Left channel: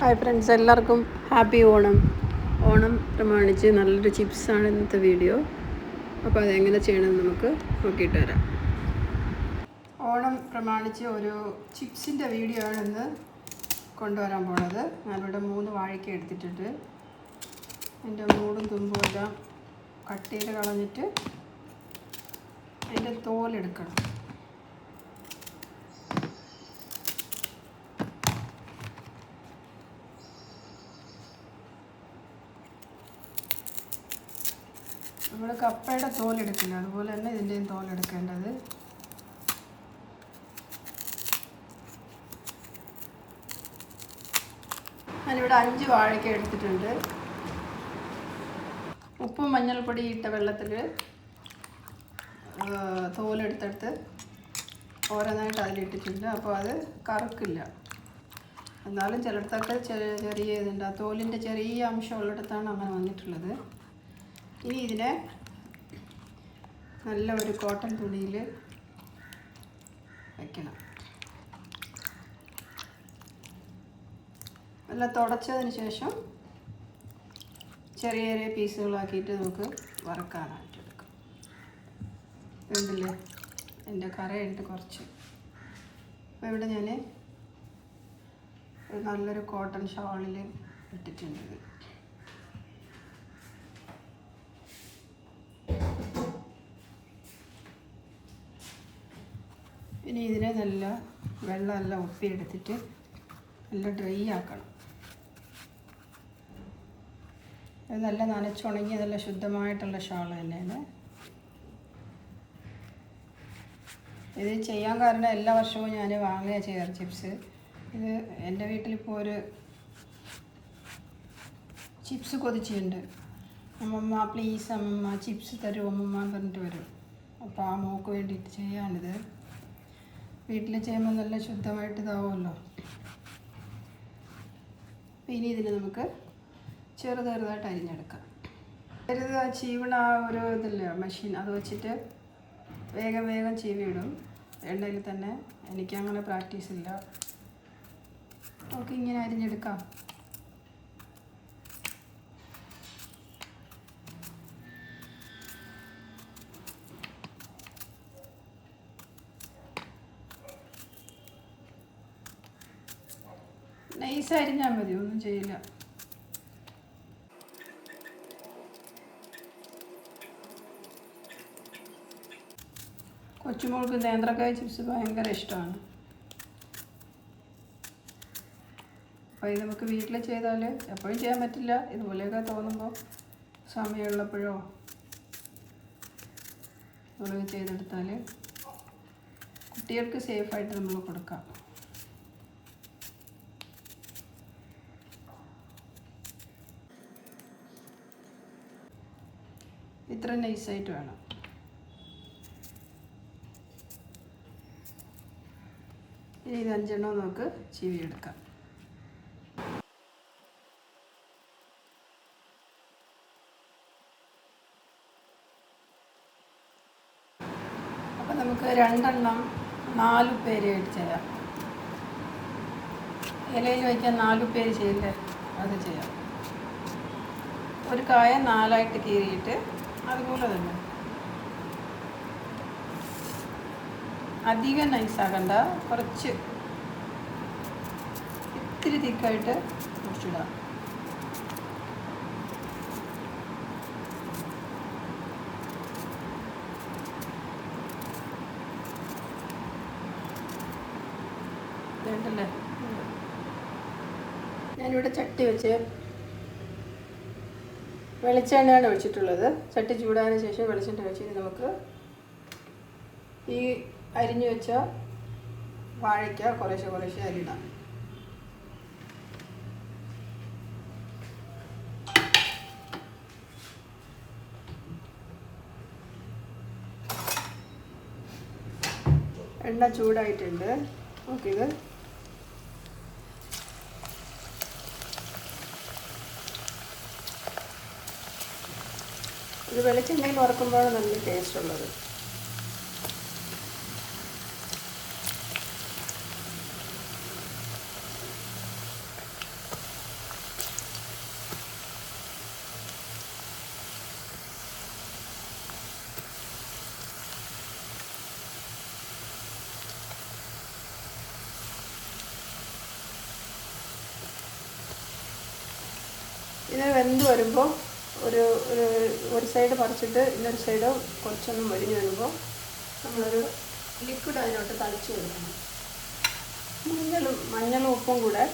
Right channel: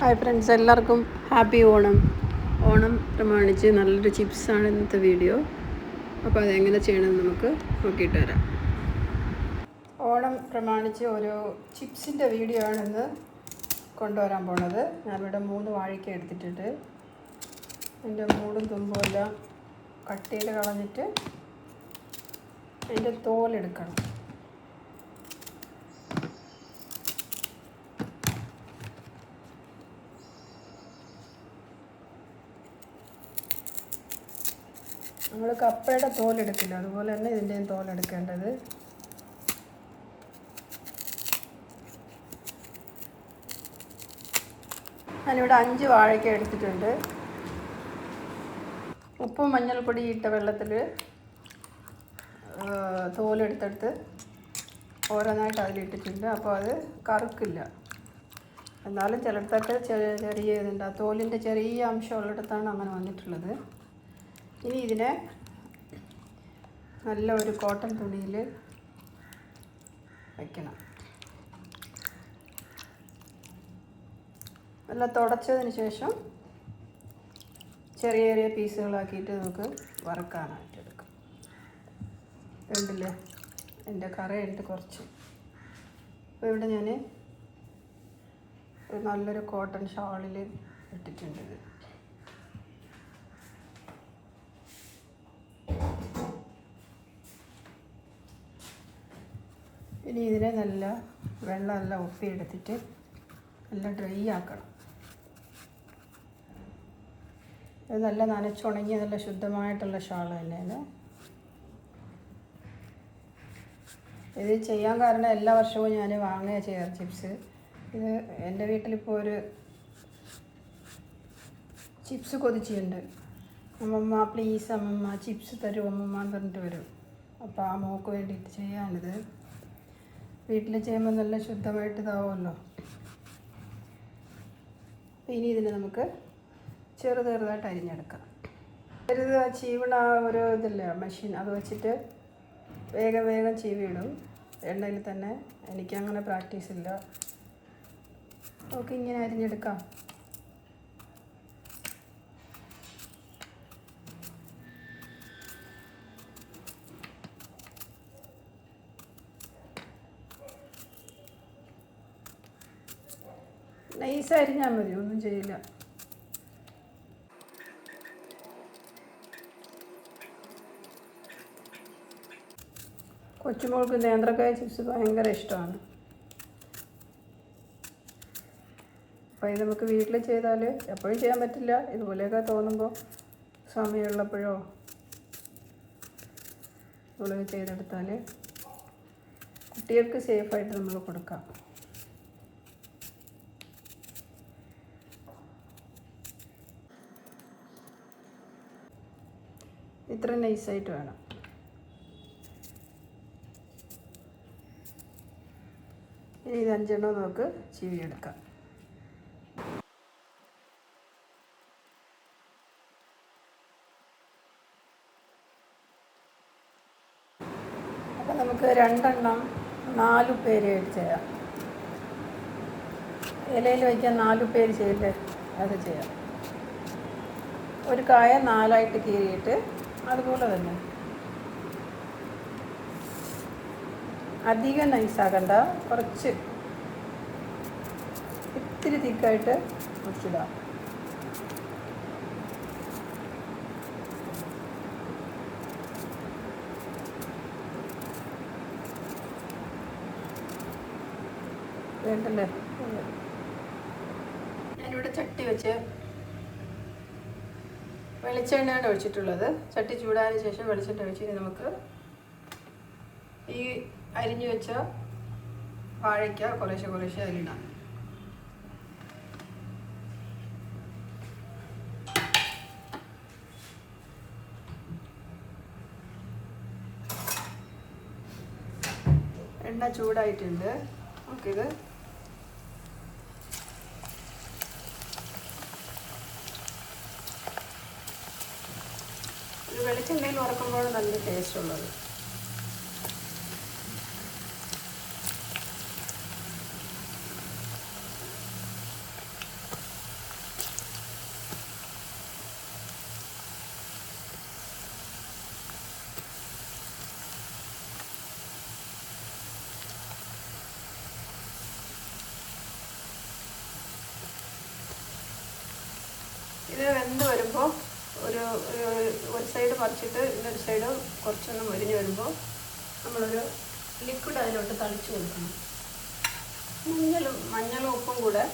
Hi friends, എല്ലാവർക്കും happy Onam. Onam പ്രമാണിച്ച് നല്ലൊരു ചിപ്സാണ് ഇന്നത്തെ വീഡിയോ. അപ്പോൾ അതെങ്ങനെ ചെയ്യണമെന്ന് നമുക്ക് നോക്കിയിട്ട് വരാം. ഓണം പ്രമാണിച്ച് ഒരു ചിപ്സിൻ്റെ വീഡിയോ ആണ് ഇന്ന് കൊണ്ടുവരാൻ പോണത്. ഞാനിവിടെ 3 വാഴയ്ക്ക എടുത്തിട്ടുണ്ട്. അതിൻ്റെ മൂടും തുമ്പും എല്ലാം കട്ട് ചെയ്ത് കളഞ്ഞിട്ട് അതിൻ്റെ തോലെടുക്കണം. നമ്മൾ കപ്പയുടെ തോലെടുക്കില്ല, അതുപോലെ തന്നെ ഇതിൻ്റെയും തോലെടുക്കേണ്ടത്. ഞാനിവിടെ 5 വാഴയ്ക്ക എടുത്തിട്ടുണ്ട്. ഉപ്പും മഞ്ഞൾപ്പൊടി ഇട്ട വെള്ളത്തിൽ തോലെടുത്തെടുത്ത് ഓരോന്നായിട്ട് അതിലിട്ടിട്ടുണ്ട്. അപ്പോൾ അത് കറുക്കില്ല. എന്നാലും ചിലയിടത്തൊക്കെ ചെറിയ ഇതുണ്ട്, തോലിൻ്റെ ചെറിയ അംശം ഉള്ളിടത്താണ് അങ്ങനെ വന്നിട്ടുള്ളത്. ഇനി ഇതിനെ നല്ല ഒരു കോട്ടൺ തുണിയിൽ വയ്ക്കണം. നല്ല തുടച്ചതിന് ശേഷം ചെറിയ ചെറിയ പീസുകളാക്കിയിട്ട് നമുക്ക് വറക്കാനായിട്ട് എടുക്കാം. കണ്ടില്ലേ, എൻ്റെ കറയുണ്ട് കുറച്ച്. അപ്പോൾ ഇവിടെ ഞാൻ ഒരു നല്ലൊരു കോട്ടൺ ഷാളിൽ ഇട്ടിട്ടുണ്ട്. ഇനി ഇതിനെ നല്ല വെള്ളമെല്ലാം ഉപ്പിയെടുത്തിട്ട് നല്ല ഡ്രൈ ആക്കണം. ഇത് നല്ല നനച്ചുണങ്ങിയ നല്ല ശുദ്ധമായിട്ടുള്ള ഷാൾ തന്നെയാണ്. ഇത് ചെയ്യാൻ കാരണം എല്ലാ വർഷവും ഞാൻ വാങ്ങുക ചെയ്യാറ് ചിപ്സ്. ഇത് എൻ്റെ വീട്ടിലിപ്പോൾ ഒരു ചിപ്സ് കൊതിച്ചുണ്ട്. അമ്മമ്മ പ്ലീസ് അമ്മമ്മ ചിപ്സ് തരും അമ്മമ്മ എന്ന് പറഞ്ഞിട്ട് വരും. അപ്പോൾ ആ മോക്ക് വേണ്ടിയിട്ട് ചെയ്യാനിത്. വീട്ടിൽ ചെയ്യുമ്പോൾ നല്ല ശുദ്ധമായിട്ട് ഇതാവുമല്ലോ. ഇനി ഇതിനെ നമുക്ക് ചെറുതായിട്ട് അരിഞ്ഞെടുക്കാം. ചീവണ ഒരു ഇതില്ല മെഷീൻ, അത് വെച്ചിട്ട് വേഗം ചീവിയിടും എണ്ണയിൽ തന്നെ. എനിക്കങ്ങനെ പ്രാക്ടീസ് ഇല്ല. നമുക്ക് ഇങ്ങനെ അരിഞ്ഞെടുക്കാം. നൈസ് അരിഞ്ഞാൽ മതി, ഒന്നും ചെയ്യില്ല. കൊച്ചുമോൾക്ക് നേന്ത്രക്കായ ചിപ്സ് ഭയങ്കര ഇഷ്ടമാണ്. അപ്പോൾ ഇത് നമുക്ക് വീട്ടിൽ ചെയ്താൽ എപ്പോഴും ചെയ്യാൻ പറ്റില്ല. ഇതുപോലെയൊക്കെ തോന്നുമ്പോൾ സമയമുള്ളപ്പോഴോ ഇതുപോലെ ചെയ്തെടുത്താൽ കുട്ടികൾക്ക് സേഫായിട്ട് നമ്മൾ കൊടുക്കാം. ഇത്ര നൈസായിട്ട് വേണം. ഇനി ഇത് 5 നമുക്ക് ചീവിയെടുക്കാം. അപ്പം നമുക്ക് 2 4 പേരായിട്ട് ചെയ്യാം. ഇലയിൽ വയ്ക്കാൻ 4 പേര് ചെയ്യില്ലേ, അത് ചെയ്യാം. ഒരു കായ 4ആയിട്ട് കീറിയിട്ട് അതുപോലെ തന്നെ അധികം നൈസാകണ്ട, കുറച്ച് ഇത്തിരി തിക്കായിട്ട് മുറിച്ചിടാം. വേണ്ടല്ലേ. ഞാനിവിടെ ചട്ടി വെച്ച് വെളിച്ചെണ്ണയാണ് ഒഴിച്ചിട്ടുള്ളത്. ചട്ടി ചൂടായതിനു ശേഷം വെളിച്ചെണ്ണ ഒഴിച്ച് നമുക്ക് ഈ അരിഞ്ഞു വെച്ച വാഴയ്ക്ക കുറേശ്ശെ അരിയണം. എണ്ണ ചൂടായിട്ടുണ്ട്. നമുക്കിത് വെളിച്ചെണ്ണയിൽ വറക്കുമ്പോൾ നല്ല ടേസ്റ്റ് ഉള്ളത്. ഇത് വെന്ത് വരുമ്പോൾ ഒരു സൈഡ് മറിച്ചിട്ട് ഇന്നൊരു സൈഡ് കുറച്ചൊന്ന് മരിഞ്ഞ് വരുമ്പോൾ നമ്മളൊരു ലിക്വിഡ് അതിലോട്ട് തളിച്ച് കൊടുക്കണം. മഞ്ഞളും ഉപ്പും കൂടെ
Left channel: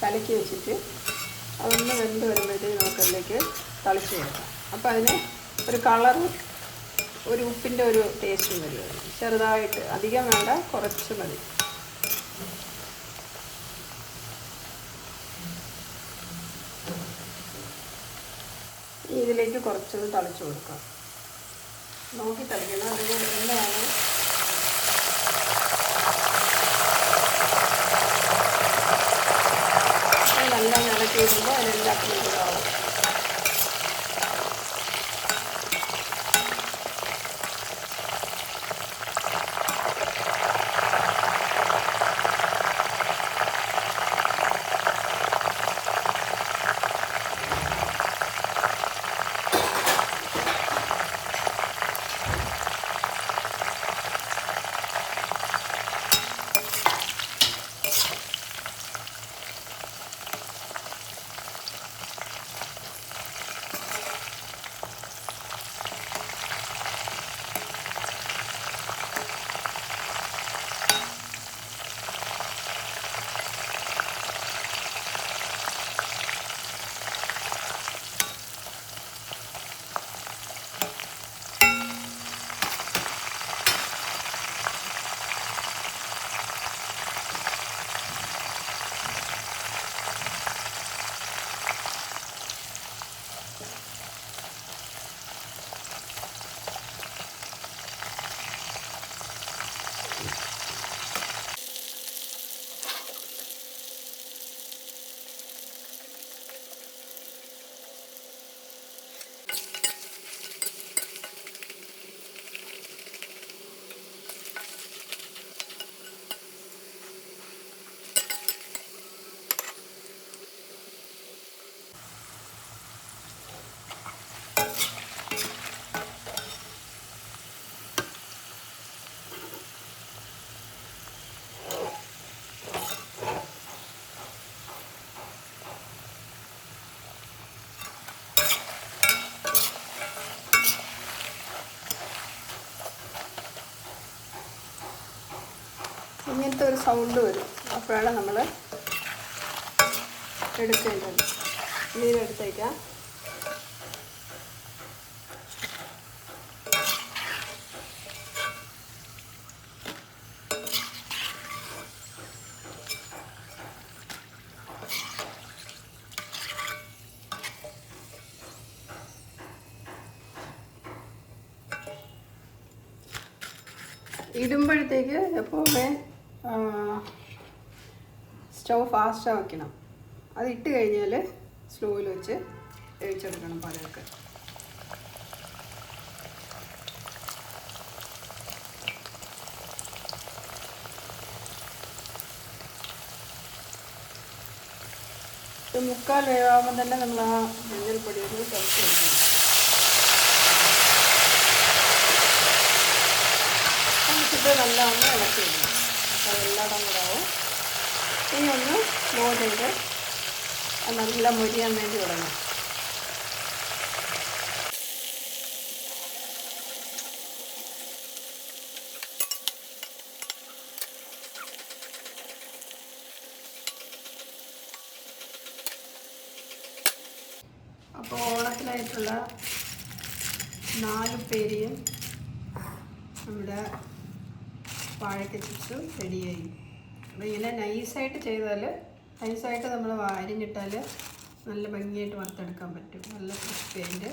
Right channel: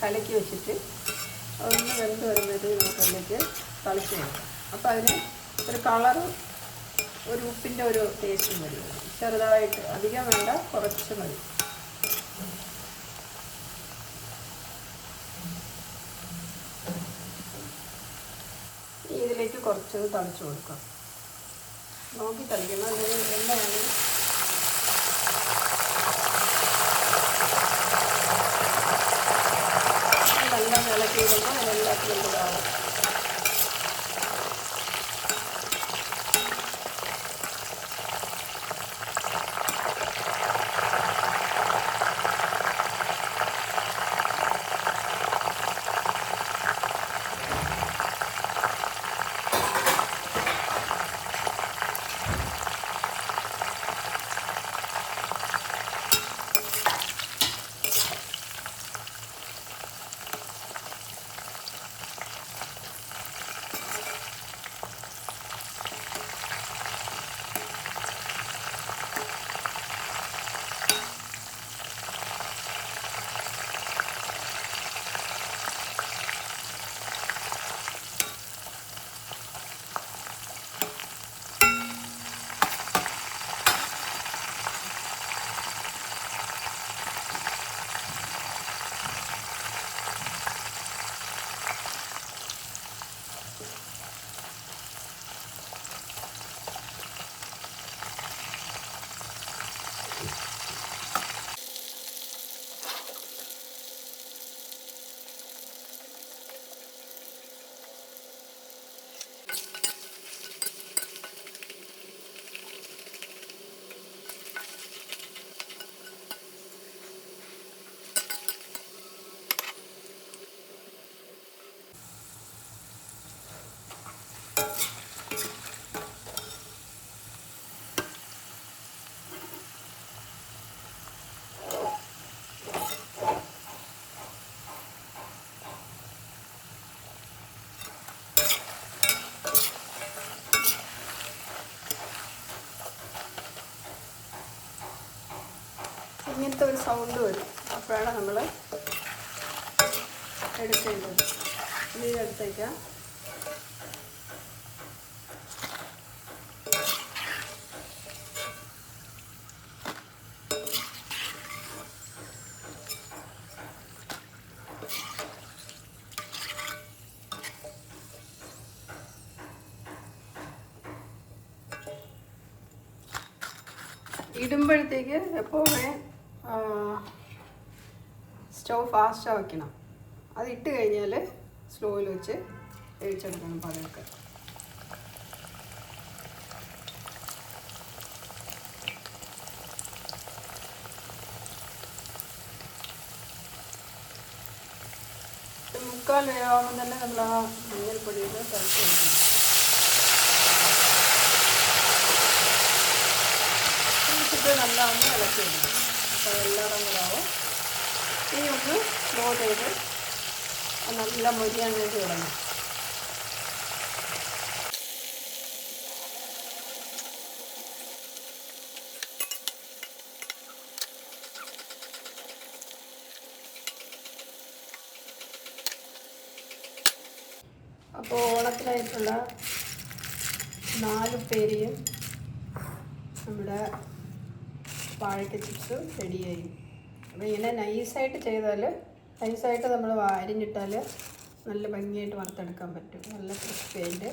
കലക്കി വെച്ചിട്ട് അതൊന്ന് വെന്ത് വരുമ്പോഴത്തേക്ക് നമുക്കതിലേക്ക് തളിച്ച് കൊടുക്കാം. അപ്പോൾ അതിന് ഒരു കളറും ഒരു ഉപ്പിൻ്റെ ഒരു ടേസ്റ്റും മതി. ചെറുതായിട്ട്, അധികം വേണ്ട, കുറച്ച് മതി. ഇതിലേക്ക് കുറച്ചത് തളിച്ച് കൊടുക്കാം. നോക്കി തളിക്കണം, അല്ലെങ്കിൽ എന്താണ് നല്ല കലക്കി വരുമ്പോൾ അതെല്ലാത്തിനും ഇതാവും. ഇങ്ങനത്തെ ഒരു സൗണ്ട് വരും. അപ്പോഴാണ് നമ്മൾ എടുക്കേണ്ടത്. ഇനി ഇതെടുത്തേക്കാം. ഇടുമ്പോഴത്തേക്ക് എപ്പോഴേ സ്റ്റൗ ഫാസ്റ്റാണ് വയ്ക്കണം. അത് ഇട്ട് കഴിഞ്ഞാൽ സ്ലോയിൽ വെച്ച് വേവിച്ചെടുക്കണം പഴമൊക്കെ. മുക്കാൽ വേവാകുമ്പോൾ തന്നെ നമ്മൾ ആ മഞ്ഞൾപ്പൊടിയൊക്കെ കഴിച്ച് കൊടുക്കണം. നല്ലോണം ഇളക്കിയിടണം. അപ്പോൾ എല്ലാം കൂടെയാവും. ഇനി ഒന്ന് സ്ലോ ചെയ്ത് നല്ല മുരിയാണ്ടേക്ക് വരണം. അപ്പോൾ ഓണത്തിനായിട്ടുള്ള 4 പേരിയും നമ്മുടെ വാഴയ്ക്ക ചിപ്സ് റെഡിയായി. അപ്പോൾ ഇങ്ങനെ നൈസായിട്ട് ചെയ്താൽ, നൈസായിട്ട് നമ്മൾ അരിഞ്ഞിട്ടാൽ നല്ല ഭംഗിയായിട്ട് വറുത്തെടുക്കാൻ പറ്റും. നല്ല ക്രിസ്പിയായിട്ട്.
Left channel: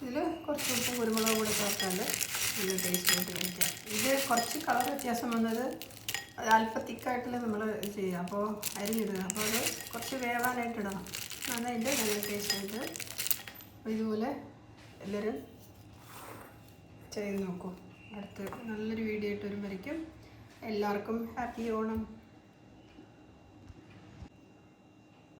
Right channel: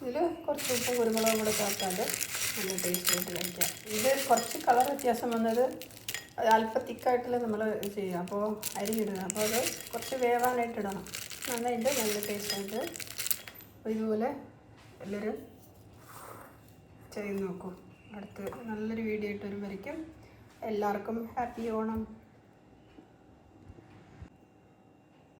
ഇതിൽ കുറച്ച് ഉപ്പും കുരുമുളകും കൂടെ ചേർത്താൽ നല്ല ടേസ്റ്റായിട്ട് കഴിക്കാം. ഇത് കുറച്ച് കളർ വ്യത്യാസം വന്നത് അത് അല്പം തിക്കായിട്ടല്ലേ നമ്മൾ ചെയ്യുക. അപ്പോൾ അരിഞ്ഞിടുക. അപ്പോൾ അത് കുറച്ച് വേവാനായിട്ട് ഇടണം. നന്നായിട്ട് നല്ല ടേസ്റ്റായിട്ട്. ഇതുപോലെ എല്ലാവരും ചെയ്ത് നോക്കും. അടുത്ത് നല്ലൊരു വീഡിയോ ആയിട്ട് വരുമ്പോഴേക്കും എല്ലാവർക്കും ഹാപ്പി ഓണം.